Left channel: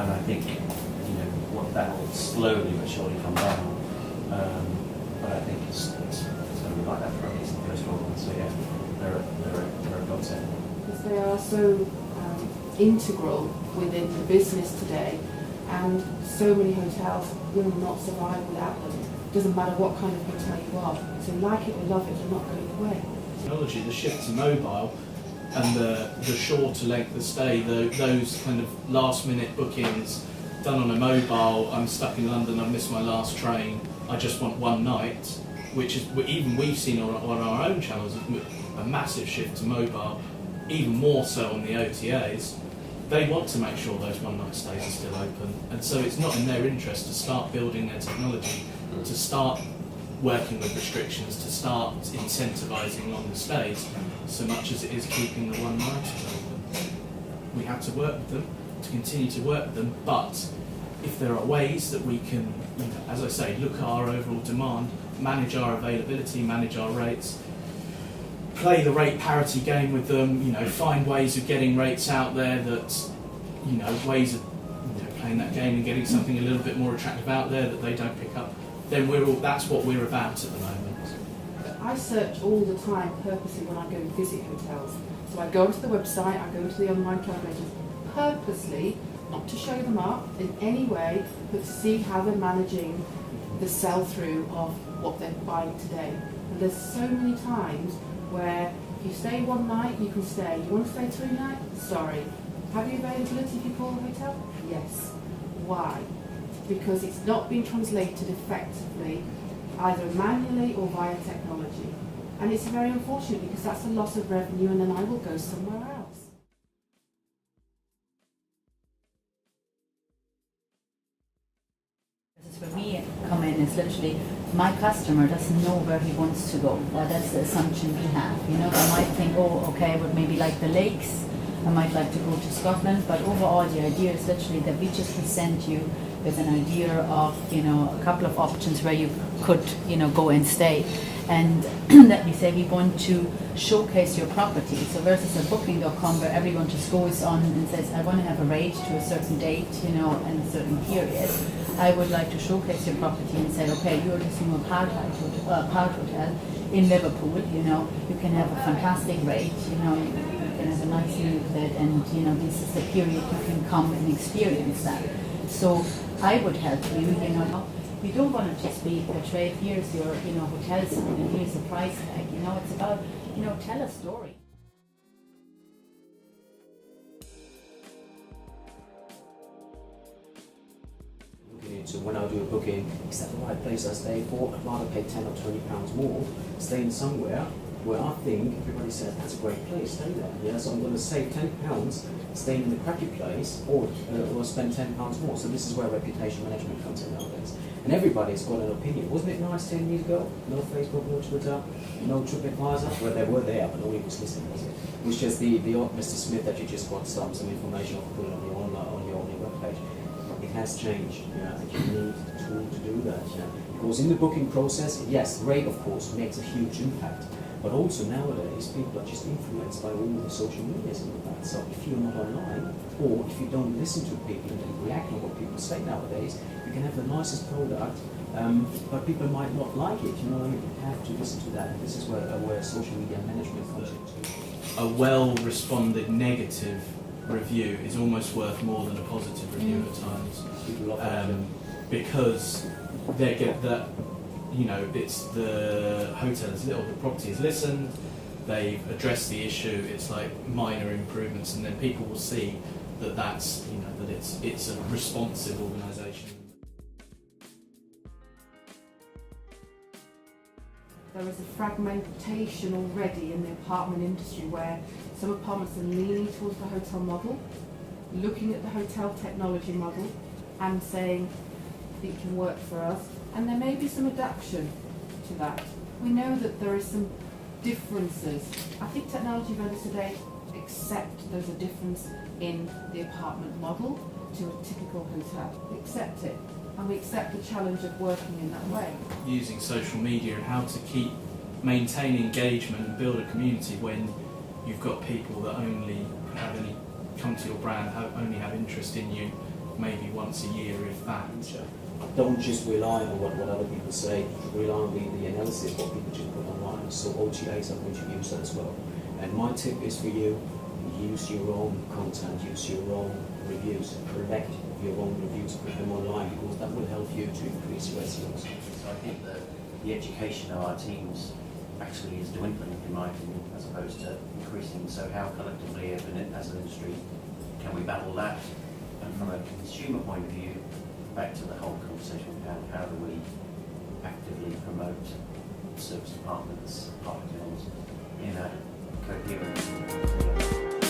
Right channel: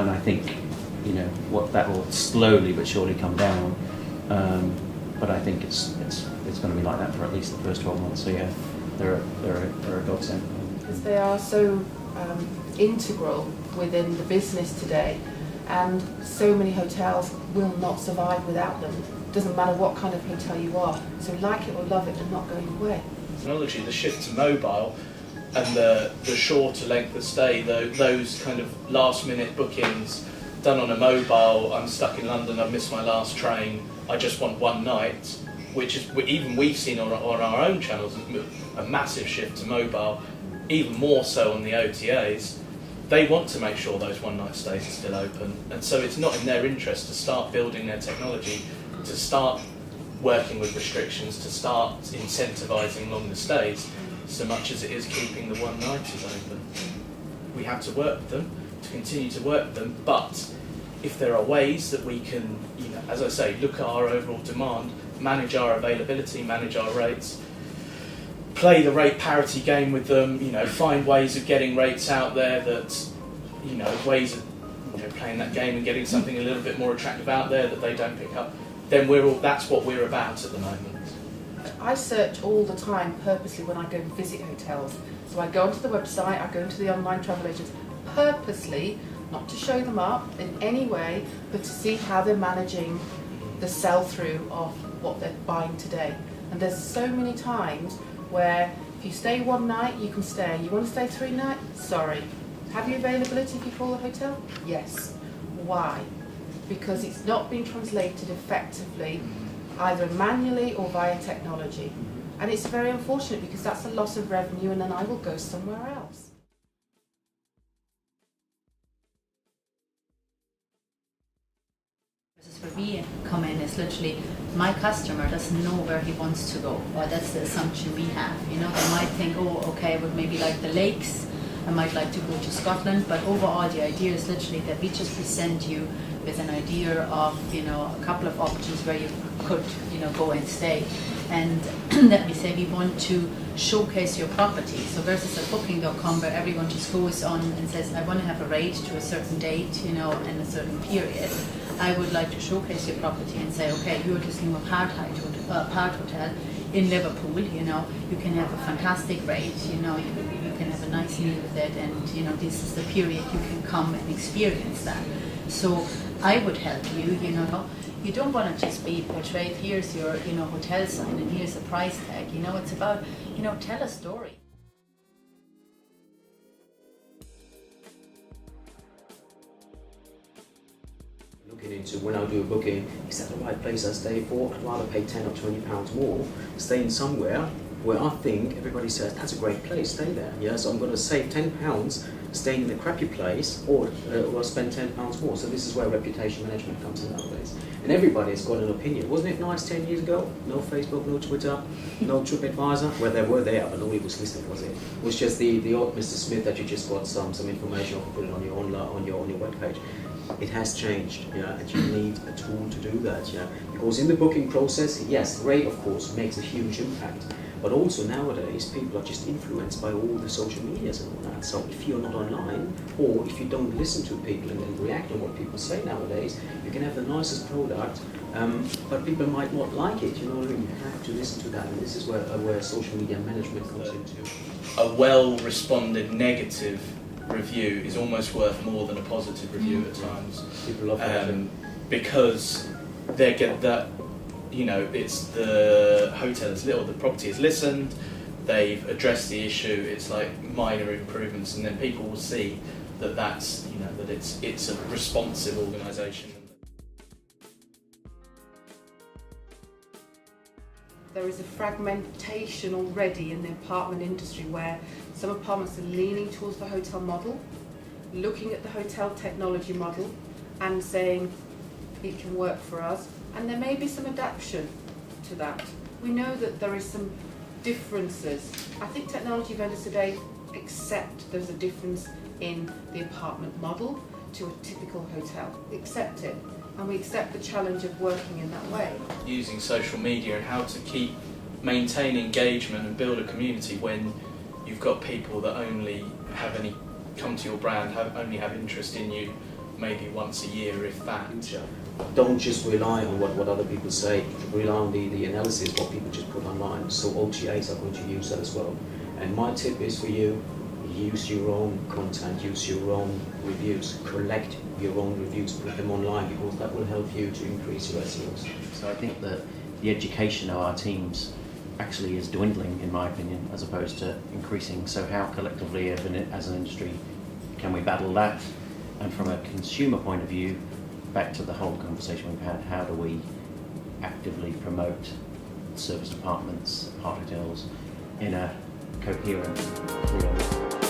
and I think, you know, what that will slowly but surely come down. But I think it's going to be like that for at least the first 12 months. So yeah, they're a godsend. Because they are so integral within the business today, and so many hotels will not survive without them. Doesn't matter what kind of hotel you are. So like it or love it, they're not going away. Technology, the shift to mobile, and the shorter length of stay, those kind of last minute bookings done on a mobile. I'm stuck in London, I've missed my last train, I just want one night, which is, even we've seen on our own channels, a massive shift to mobile, even more so on the OTAs. They want to make sure those one night stays are still open, and so it's not in their interest to start building their technology, to start working with restrictions, to start incentivising longer stays, so much as it is keeping the one nighters open. We have to work with them, to continue to work with them, but if there are ways that we can, you know, as I say, look at our overall demand, manage our availability, manage our rates, play the rate parity game with them, you know, find ways of getting rates out there that, you know, ways of, you know, playing that game and getting something a little bit more attractive out there that they don't pick up, then that's what we're about at the moment. I search all the time purposely when I go and visit hotels. So I go onto the website, I go into the online travel agents, purposely, not to show them up in any way, but to see how they're managing the sell-through of what they're buying today. And there's so many times where if you stay one night, you can stay. You want to stay 3 nights? Sorry. Have you availability if you call the hotel? Yes. Why? Because it's not been translated effectively, either manually or via technology. And it's very unfortunate because that's a loss of revenue, and then I will go somewhere else. Where we come in is literally my customer doesn't know where he wants to go, or that's the assumption we have. You know, they might think, oh, okay, I would maybe like the lakes, I might like to go to Scotland, but overall the idea is literally that we just present you with an idea of, you know, a couple of options where you could, you know, go and stay. And let me say, we want to showcase your property. So versus a booking.com where everyone just goes on and says, I want to have a rate to a certain date, you know, and a certain period. I would like to showcase your property and say, okay, you're this new apart hotel in Liverpool, you know, you can have a fantastic rate, you know, you can have a nice meal with it, and, you know, this is the period you can come and experience that. So I would help you, you know. You don't want to just be portrayed, here's your, you know, hotel sign and here's the price tag, you know, it's about, you know, tell a story. Looking into when I do a booking, is that the right place I stay for? I'd rather pay 10 or 20 pounds more, staying somewhere where I think everybody says, that's a great place, stay there. Yeah, so I'm going to save 10 pounds staying in a crappy place, or spend 10 pounds more. So this is where reputation management comes in nowadays. And everybody's got an opinion. Wasn't it nice 10 years ago? No Facebook, no Twitter, no TripAdvisor. Well, they were there, but nobody was listening, was it? It was just the odd Mr. Smith that you just got some information or put it on your webpage. It has changed, yeah, and you need a tool to do that, yeah. Because in the booking process, yes, rate of course makes a huge impact. But also nowadays, people are just influenced by all the social medias and all that. So if you're not online, or if you don't listen to people and react on what people say nowadays, you can have the nicest product, but people might not like it. You know, you have to listen to that, and this is where social media management comes into. A well-responded negative review is almost worth more than a positive review at times. People love that. Because they get that. You know, it's the hotel is little, the property is listened, they've addressed the issue, it's like minor improvements, and then people will see that that's, you know, that it's a responsive organisation. There is a fragmentation already in the apartment industry where some apartments are leaning towards the hotel model, looking at the hotel technology model and saying it can work for us. And there may be some adaptation to that. We know that there is some differences. I think technology vendors today accept there's a difference in the apartment model to a typical hotel. We accept it, and we accept the challenge of working in that way. Using social media and how to maintain engagement and build a community when you've got people that only come to your brand, only have interest in you maybe once a year, if that. Sure. Don't just rely on what other people say. Rely on the analysis, what people just put online. So OTAs are going to use that as well. And my tip is for you, use your own content, use your own reviews, collect your own reviews, put them online, because that will help you to increase your SEOs. So I think that the education of our teams actually is dwindling, in my opinion, as opposed to increasing. So how collectively as an industry can we battle that? And from a consumer point of view, back to the whole conversation we've had, how do we actively promote service apartments, apart hotels in a coherent, clear